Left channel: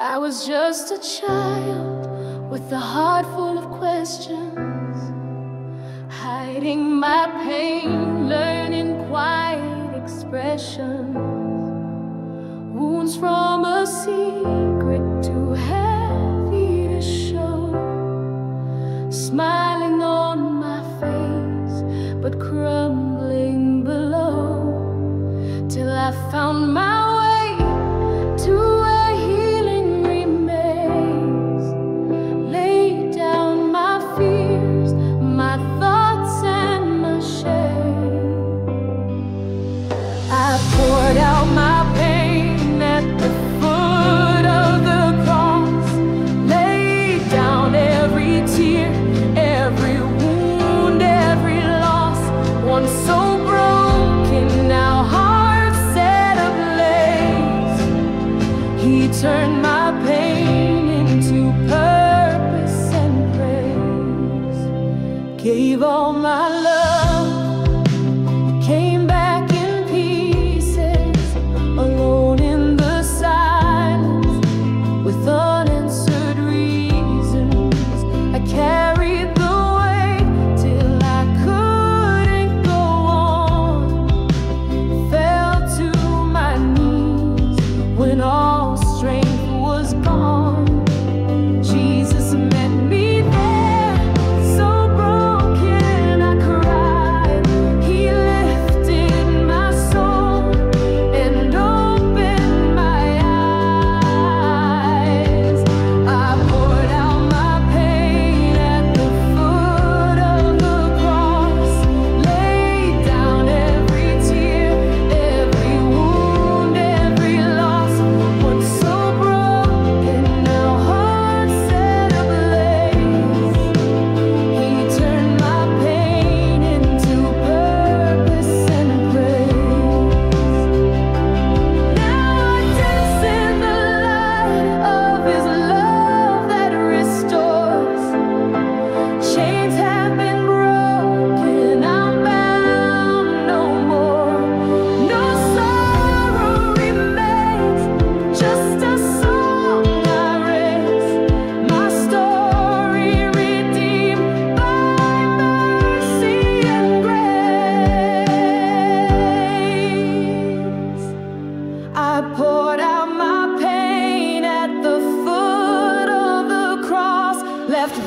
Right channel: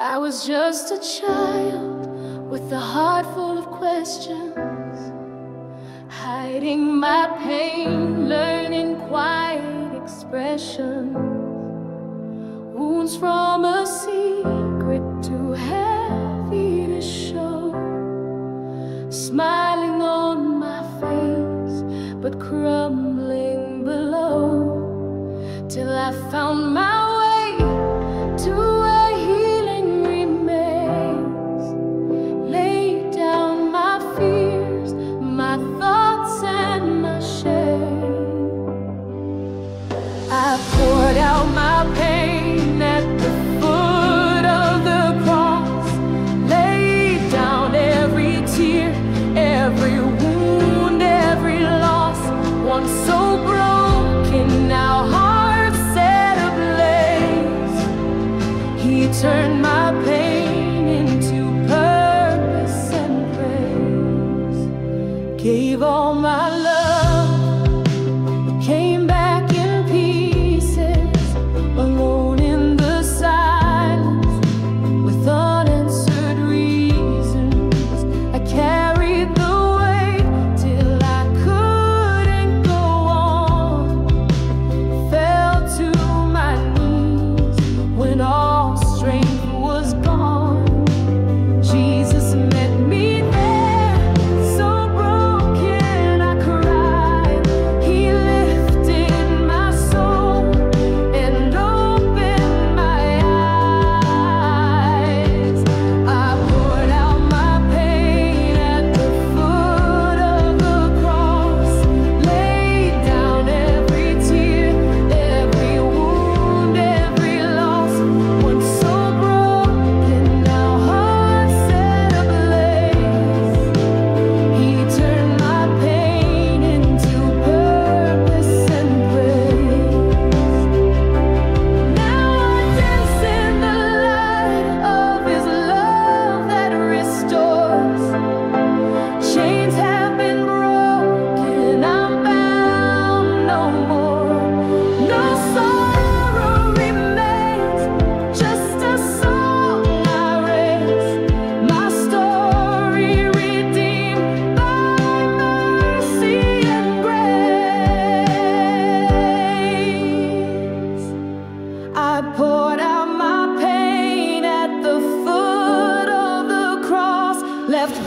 I was just a child with a heart full of questions, hiding my pain, learning quiet expression. Wounds from a secret too heavy to show, smiling on my face but crumbling below, till I found my way to where healing remains. Laid down my fears, my thoughts and my shame. I poured out my pain at the foot of the cross, laid down every tear, every wound, every loss. Once so broken, now heart set ablaze. He turned my pain into purpose and praise. Gave all my love, it came back in pieces, alone in the silence, with unanswered reasons. I carried the weight till I couldn't go on, fell to my knees when all strength was gone. Jesus met me there, so broken I cried. He lifted my soul and opened my eyes. I poured out my pain at the foot of the cross, laid down every tear, every wound, every loss. Once so broken, now heart set ablaze. He turned my pain into purpose and praise. Now I dance in the light of His love that restores. Chains have been broken, I'm bound no more. No sorrow remains, just a song I raise. My story redeemed by mercy and grace. I poured out my pain at the foot of the cross, left